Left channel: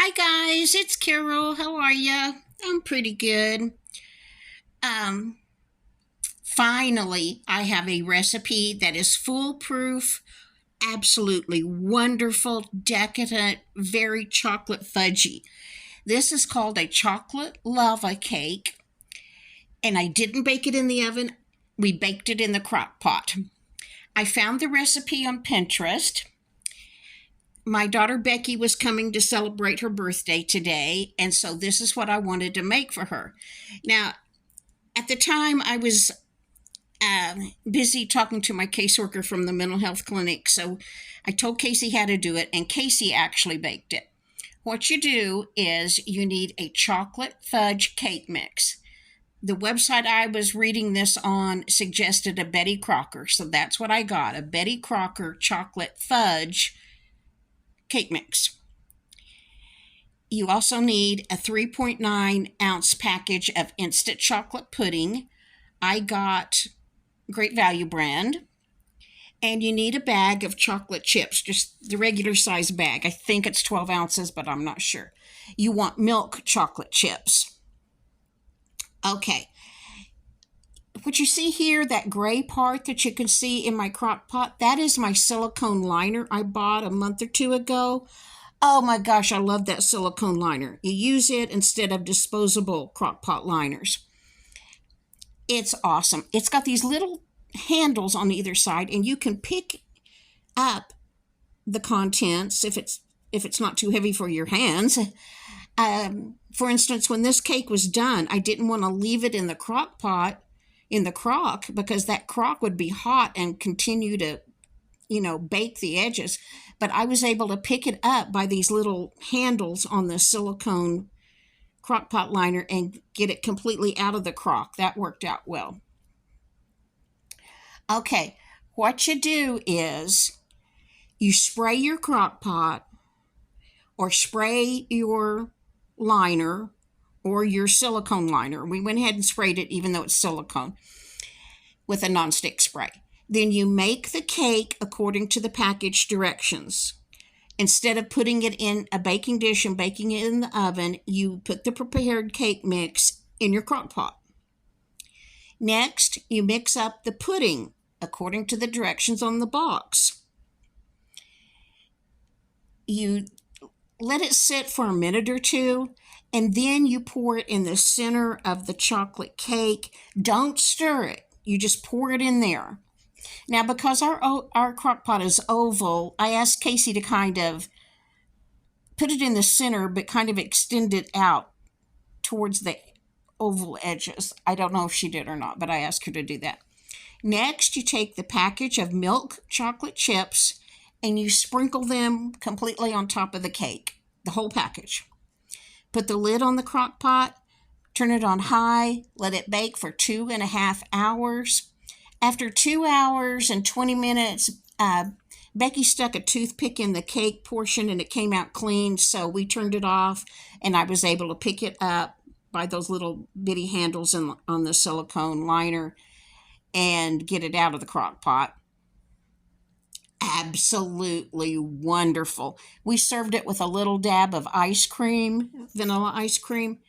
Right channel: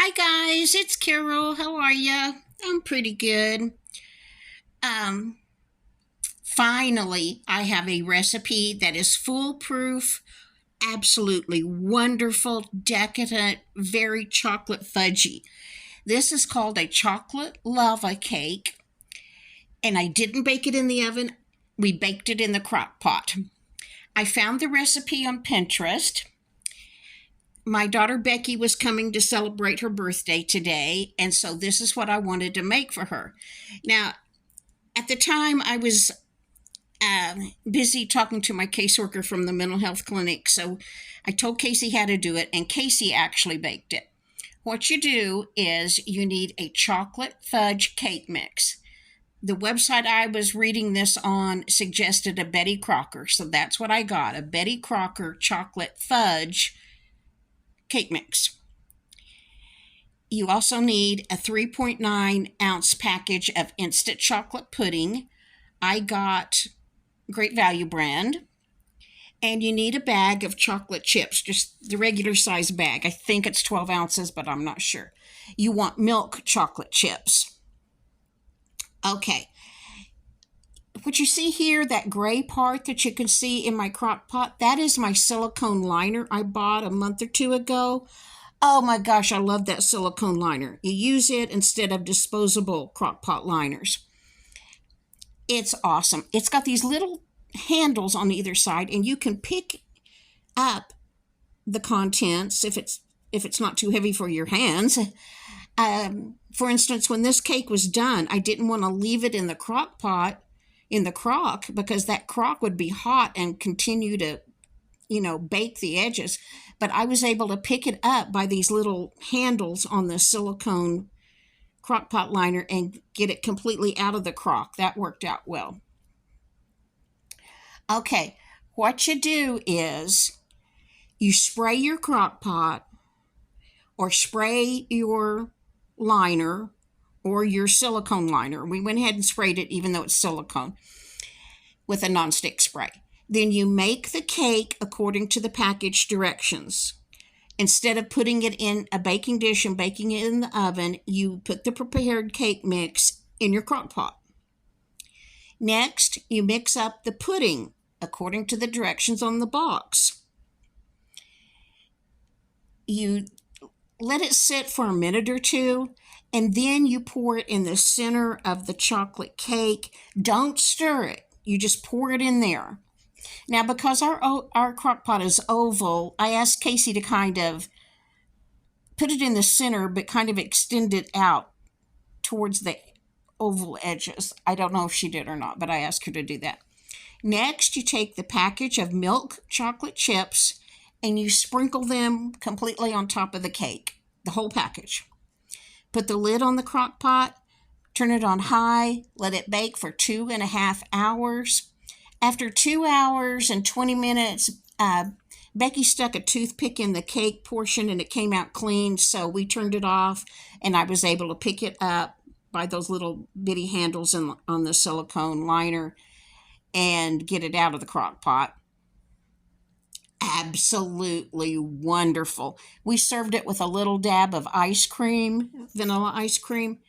Hi guys, it's Carol. How are ya? I'm pretty good. Um, Finally, I have a recipe that is foolproof, absolutely wonderful, decadent, very chocolate fudgy. This is called a chocolate lava cake, and I didn't bake it in the oven. We baked it in the crock pot. I found the recipe on Pinterest. My daughter Becky was coming to celebrate her birthday today, and so this is what I wanted to make for her. Now, at the time, I was busy talking to my caseworker from the mental health clinic, so I told Casey how to do it, and Casey actually baked it. What you do is you need a chocolate fudge cake mix. The website I was reading this on suggested a Betty Crocker, so that's what I got, a Betty Crocker chocolate fudge cake mix. You also need a 3.9-ounce package of instant chocolate pudding. I got Great Value brand. And you need a bag of chocolate chips, just the regular size bag. I think it's 12 ounces, but I'm not sure. You want milk chocolate chips. Okay. What you see here, that gray part that you can see in my crock pot, that is my silicone liner I bought a month or two ago. Oh my gosh, I love that silicone liner. You use it instead of disposable crock pot liners. It's awesome. It's got these little handles on either side, and you can pick up the contents if it's not too heavy for your hands. For instance, when this cake was done, I didn't want to leave it in the crock pot, in the crock, because that crock would be hot and continue to, bake the edges. But I was able to pick it up by these little handles on the silicone crock pot liner and get it completely out of the crock. That worked out well. Okay, what you do is you spray your crock pot or spray your liner or your silicone liner. We went ahead and sprayed it even though it's silicone with a nonstick spray. Then you make the cake according to the package directions. Instead of putting it in a baking dish and baking it in the oven, you put the prepared cake mix in your crock pot. Next, you mix up the pudding according to the directions on the box. You let it sit for a minute or two, and then you pour it in the center of the chocolate cake. Don't stir it. You just pour it in there. Now, because our crock pot is oval, I asked Casey to kind of put it in the center, but kind of extend it out towards the oval edges. I don't know if she did or not, but I asked her to do that. Next, you take the package of milk chocolate chips and you sprinkle them completely on top of the cake, the whole package. Put the lid on the crock pot, turn it on high, let it bake for 2.5 hours. After 2 hours and 20 minutes, Becky stuck a toothpick in the cake portion and it came out clean, so we turned it off and I was able to pick it up by those little bitty handles on the silicone liner and get it out of the crock pot. Absolutely wonderful. We served it with a little dab of ice cream, vanilla ice cream.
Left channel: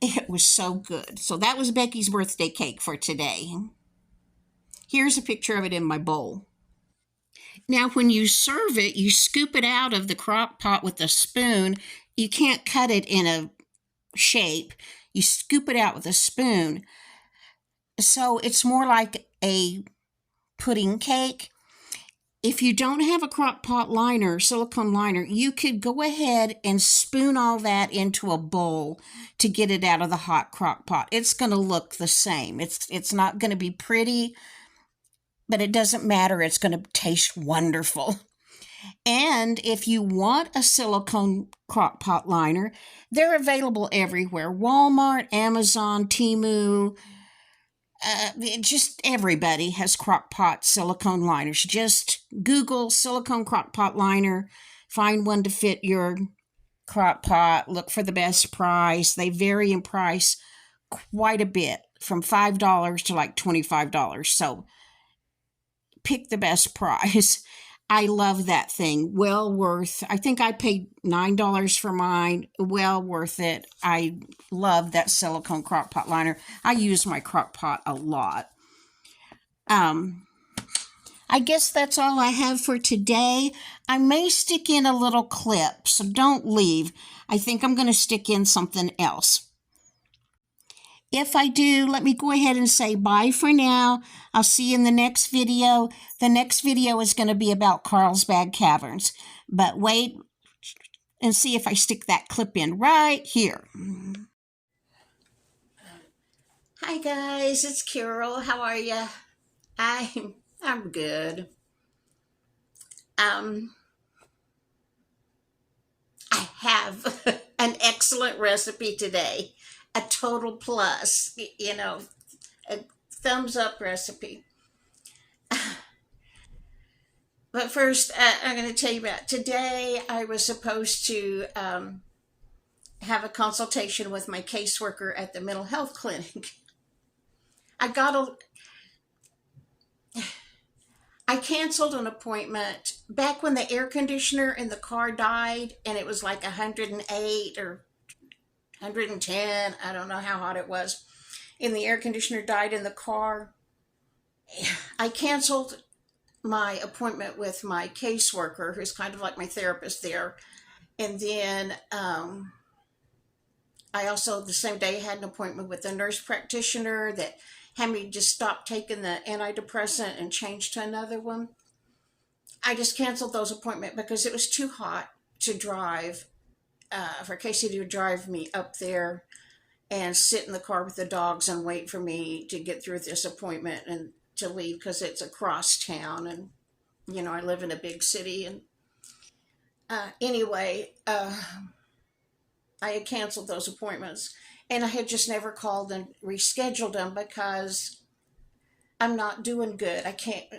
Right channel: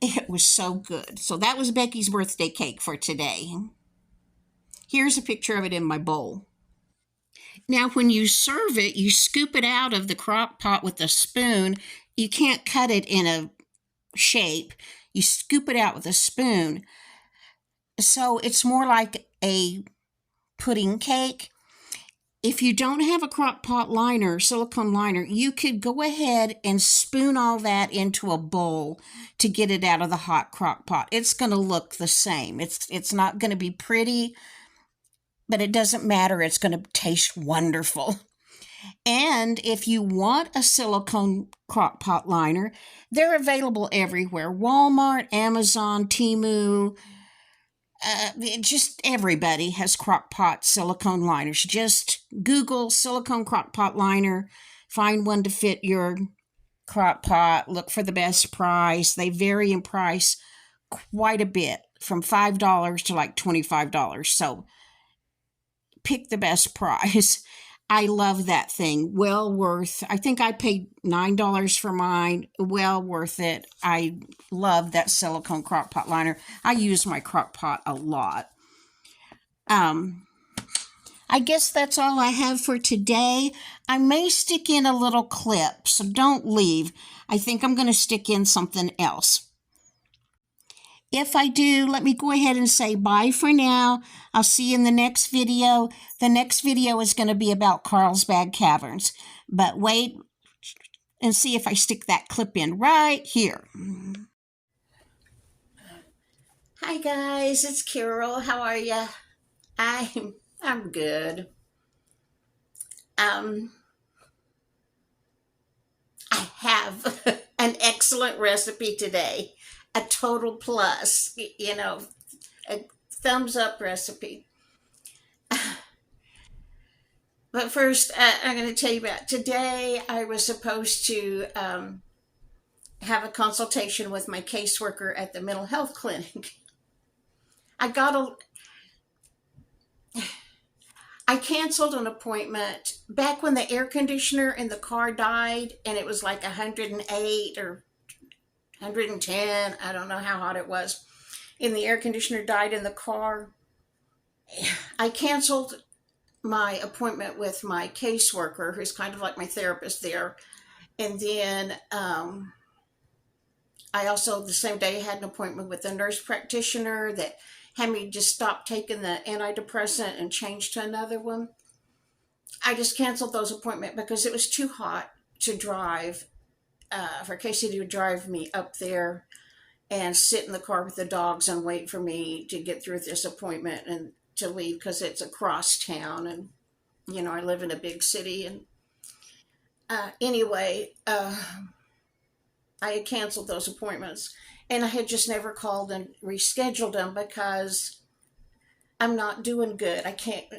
It was so good. So that was Becky's birthday cake for today. Here's a picture of it in my bowl. Now, when you serve it, you scoop it out of the crock pot with a spoon. You can't cut it in a shape. You scoop it out with a spoon. So it's more like a pudding cake. If you don't have a crock pot liner, silicone liner, you could go ahead and spoon all that into a bowl to get it out of the hot crock pot. It's going to look the same. It's not going to be pretty, but it doesn't matter. It's going to taste wonderful. And if you want a silicone crock pot liner, they're available everywhere. Walmart, Amazon, Temu, just everybody has crock pot silicone liners. Just Google silicone crock pot liner, find one to fit your crock pot, look for the best price. They vary in price quite a bit, from $5 to like $25. So pick the best price. I love that thing. Well worth. I think I paid $9 for mine. Well worth it. I love that silicone crock pot liner. I use my crock pot a lot. Um, I guess that's all I have for today. I may stick in a little clip, so don't leave. I think I'm going to stick in something else. If I do, let me go ahead and say bye for now. I'll see you in the next video. The next video is going to be about Carlsbad Caverns. But wait and see if I stick that clip in right here. Hi guys, it's Carol. How are ya? I'm good. I have an excellent recipe today. A total plus, a thumbs up recipe. But first, I'm going to tell you about today. I was supposed to have a consultation with my caseworker at the mental health clinic. I canceled an appointment back when the air conditioner in the car died, and it was like 108 or 110. I don't know how hot it was. And the air conditioner died in the car. I canceled my appointment with my caseworker, who's kind of like my therapist there. And then I also, the same day, had an appointment with a nurse practitioner that had me just stop taking the antidepressant and change to another one. I just canceled those appointments because it was too hot to drive, for Casey to drive me up there and sit in the car with the dogs and wait for me to get through this appointment and to leave, because it's across town, and I live in a big city. And anyway, I had canceled those appointments, and I had just never called and rescheduled them because I'm not doing good. I can't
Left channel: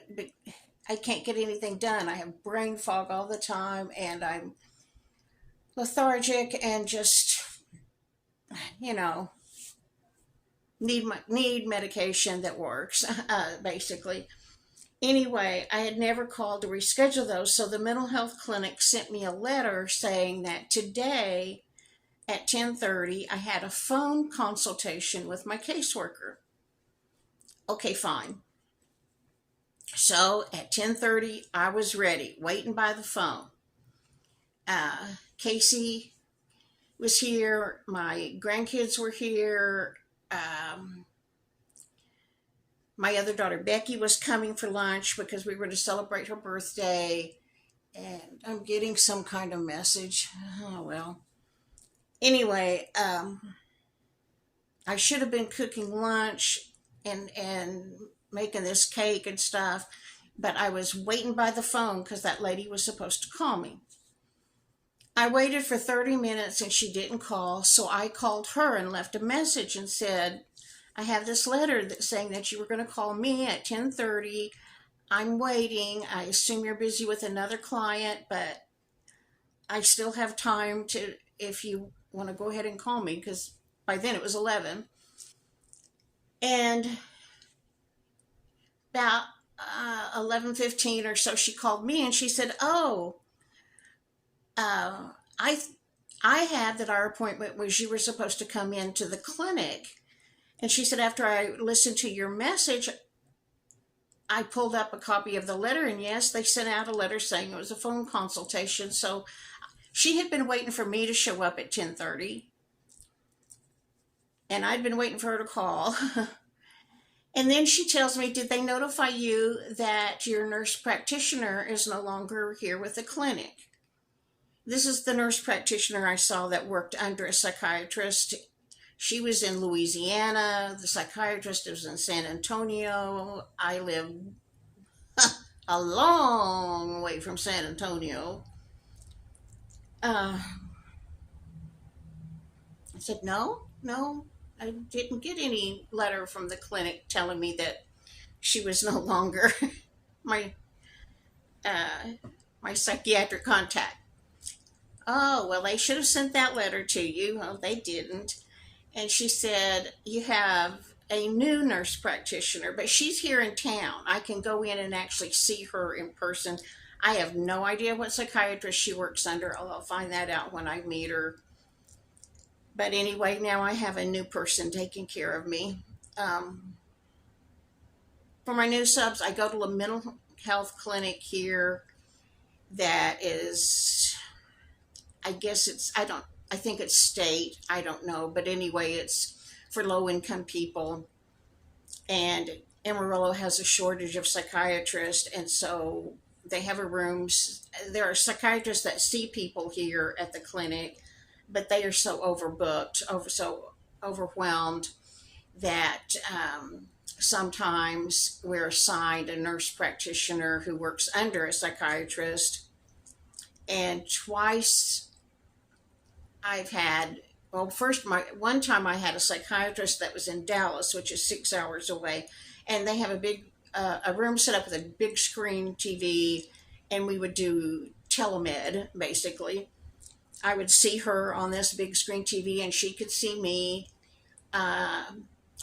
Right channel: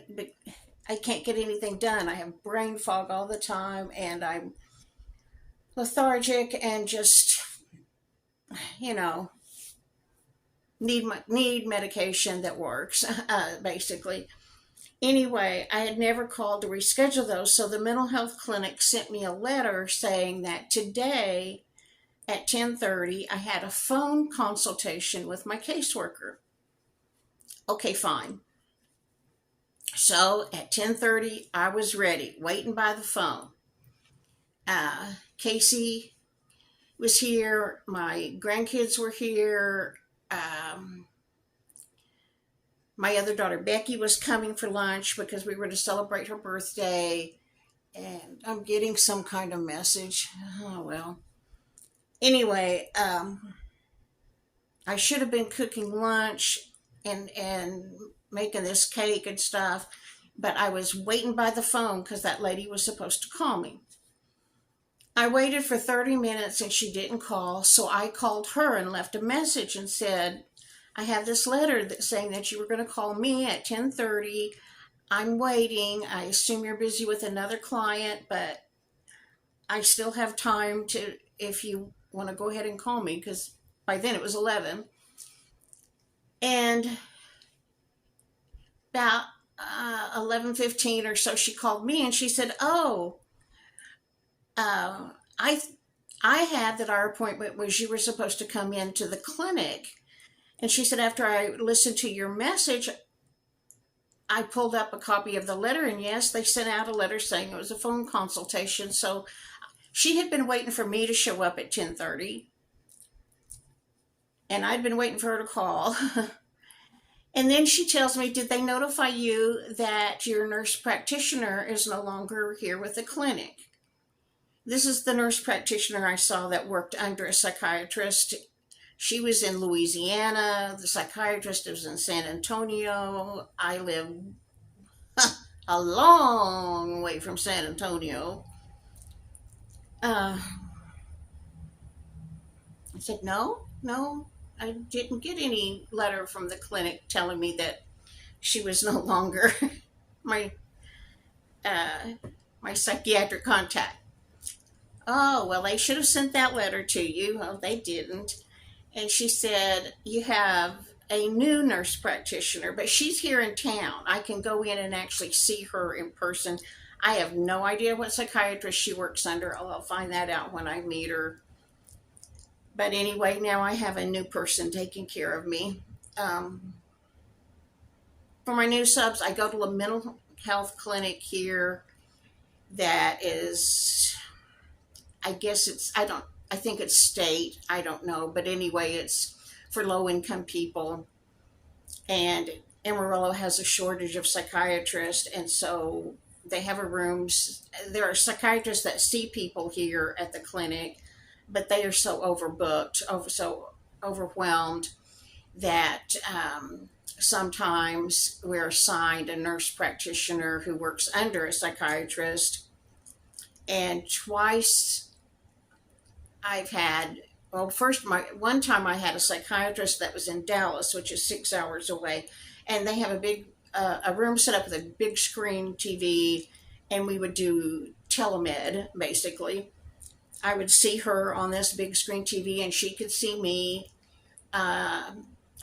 get anything done. I have brain fog all the time, and I'm lethargic and just need medication that works, basically. Anyway, I had never called to reschedule those, so the mental health clinic sent me a letter saying that today at 10:30 I had a phone consultation with my caseworker. Okay, fine. So at 10:30 I was ready, waiting by the phone. Casey was here, my grandkids were here, my other daughter Becky was coming for lunch because we were to celebrate her birthday, and I'm getting some kind of message. Oh well. Anyway, I should have been cooking lunch and making this cake and stuff, but I was waiting by the phone because that lady was supposed to call me. I waited for 30 minutes and she didn't call, so I called her and left a message and said, I have this letter saying that you were going to call me at 10:30. I'm waiting. I assume you're busy with another client, but I still have time to, if you want to go ahead and call me, because by then it was 11. And about 11:15 or so, she called me and she said, I had that our appointment was you were supposed to come into the clinic. And she said, after I listened to your message, I pulled up a copy of the letter, and yes, they sent out a letter saying it was a phone consultation. So she had been waiting for me to show up at 10:30, and I'd been waiting for her to call. And then she tells me, did they notify you that your nurse practitioner is no longer here with the clinic? This is the nurse practitioner I saw that worked under a psychiatrist. She was in Louisiana. The psychiatrist was in San Antonio. I live a long way from San Antonio. I said, no, I didn't get any letter from the clinic telling me that she was no longer my psychiatric contact. Oh, well, they should have sent that letter to you. Well, they didn't. And she said, you have a new nurse practitioner, but she's here in town. I can go in and actually see her in person. I have no idea what psychiatrist she works under. I'll find that out when I meet her. But anyway, now I have a new person taking care of me. Um, for my new subs, I go to a mental health clinic here that is, I guess it's, I think it's state, I don't know. But anyway, it's for low income people. And Amarillo has a shortage of psychiatrists. And so they have a rooms. There are psychiatrists that see people here at the clinic, but they are so overbooked, so overwhelmed that sometimes we're assigned a nurse practitioner who works under a psychiatrist. And twice I've had, well, first, one time I had a psychiatrist that was in Dallas, which is 6 hours away, and they have a room set up with a big screen TV, and we would do telemed basically. I would see her on this big screen TV, and she could see me.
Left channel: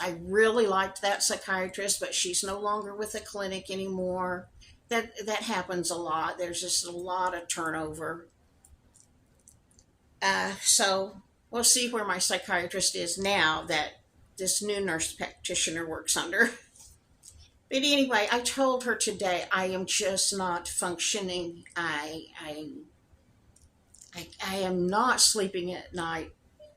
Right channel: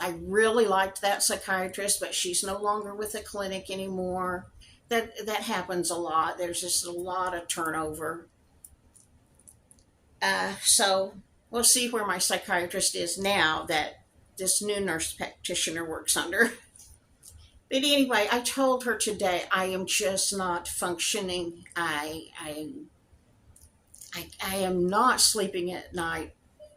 I really liked that psychiatrist, but she's no longer with the clinic anymore. That happens a lot. There's just a lot of turnover. So we'll see where my psychiatrist is now that this new nurse practitioner works under. But anyway, I told her today I am just not functioning. I am not sleeping at night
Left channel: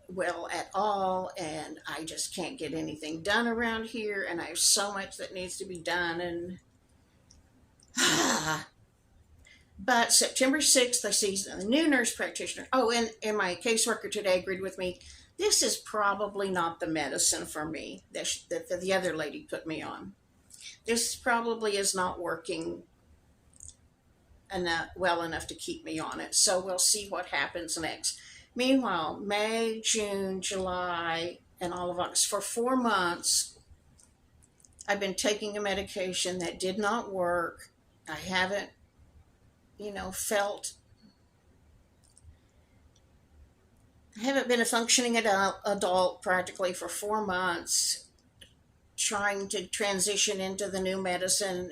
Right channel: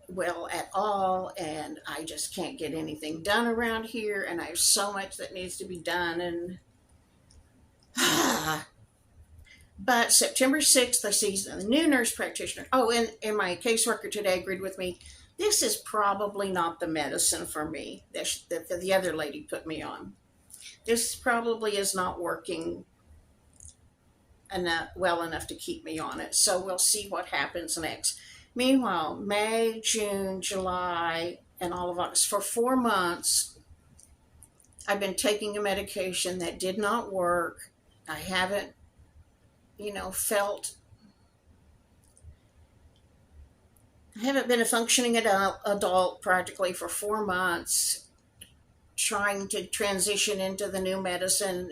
well at all, and I just can't get anything done around here, and I have so much that needs to be done. And but September 6th, I see the new nurse practitioner. Oh, and my caseworker today agreed with me. This is probably not the medicine for me that the other lady put me on. This probably is not working well enough to keep me on it. So we'll see what happens next. Meanwhile, May, June, July, and all of August, for 4 months, I've been taking a medication that did not work. I haven't, I haven't been a functioning adult practically for 4 months, trying to transition into the new medicine,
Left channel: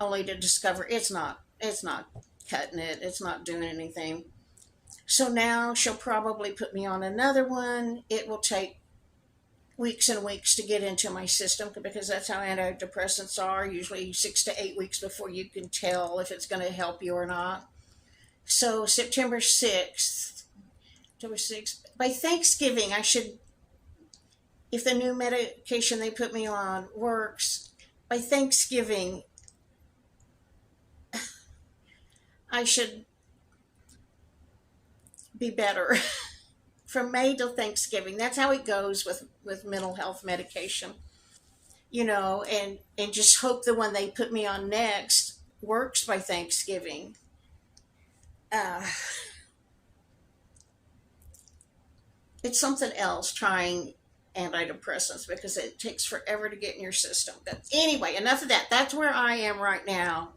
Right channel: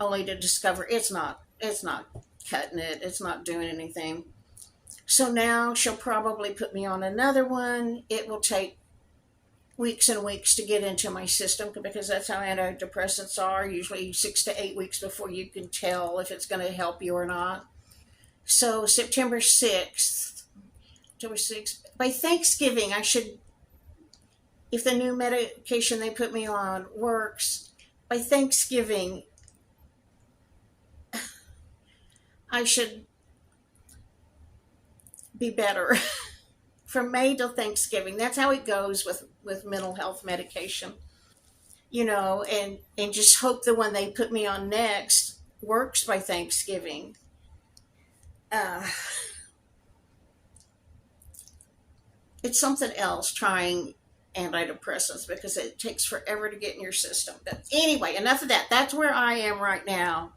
only to discover it's not cutting it. It's not doing anything. So now she'll probably put me on another one. It will take weeks and weeks to get into my system because that's how antidepressants are, usually 6 to 8 weeks before you can tell if it's going to help you or not. So September 6th, by Thanksgiving, if the new medication they put me on works, by Thanksgiving, I should be better. From May till Thanksgiving. That's how it goes with mental health medication. And just hope the one they put me on next works by Thanksgiving. It's something else trying antidepressants because it takes forever to get in your system. But anyway, enough of that. That's where I am right now.